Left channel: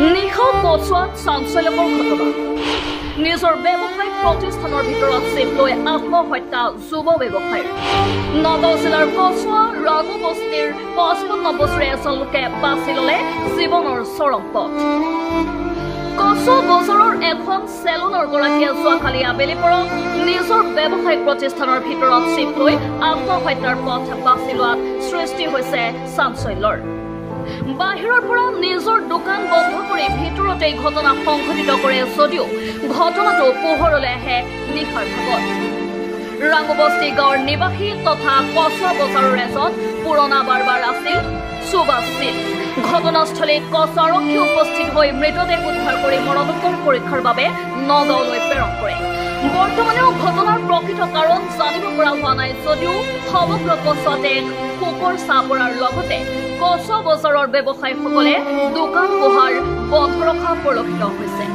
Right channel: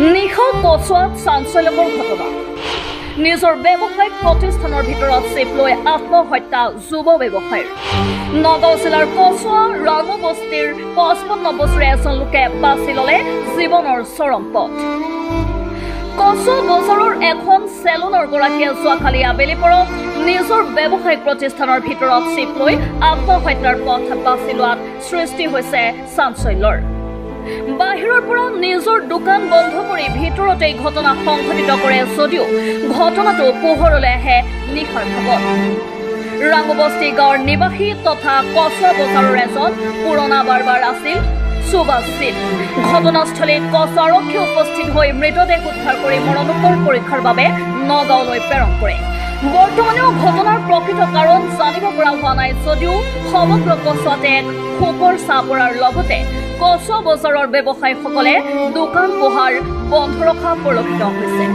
নিশা কচুৱাত চাঞ্চল্যকৰ ঘটনা নিজৰ ব্যৱসায়িক প্ৰতিষ্ঠানৰ ভিতৰত চিপ লৈ আত্মহত্যা যুৱ ব্যৱসায়ীৰ নগাঁও জিলাৰ কচুৱা ৰাঙু বস্তিৰ 55 বছৰীয়া এজন লোকে বাছি ললে জীৱনৰ চৰম পথ কচুৱা বজাৰৰ এখন চেলুনৰ গৰাকীয়ে যোৱাকালি আবেলি পৰত নিজৰ ব্যৱসায়িক প্ৰতিষ্ঠানৰ ভিতৰত চিপ লৈ আত্মহত্যাৰ পথ বাছি লোৱাত সৃষ্টি হৈছে চাঞ্চল্যৰ বাহিৰৰ পৰা নিজৰ দোকান বন্ধ কৰি ভিতৰতে ঘটনা সংঘটিত কৰে যদিও ঘটনাটো পোহৰলৈ আহে নিশাৰ ভাগত ৰাঙুবস্তি গাঁৱৰ নিবাসী তথা কচুৱা বজাৰৰ এজন পুৰণা বাৰবাৰ আছিল সুভাষ সিং ঘটনাস্থলীত কচুৱা আৰক্ষী উপস্থিত হৈ মৃতদেহ উদ্ধাৰ কৰি মৰণোত্তৰ পৰীক্ষাৰ বাবে নগাঁৱলৈ প্ৰেৰণ কৰে বৰ্তমানেও ঘটনাৰ প্ৰকৃত কাৰণ জানিব পৰা হোৱা নাই যদিও সমগ্ৰ কচুৱাতে শোকৰ ছাঁ পৰাৰ লগতে কচুৱা বজাৰৰ ব্যৱসায়ীসকলে দোকান পোহাৰ বন্ধ ৰখা পৰিলক্ষিত হৈছে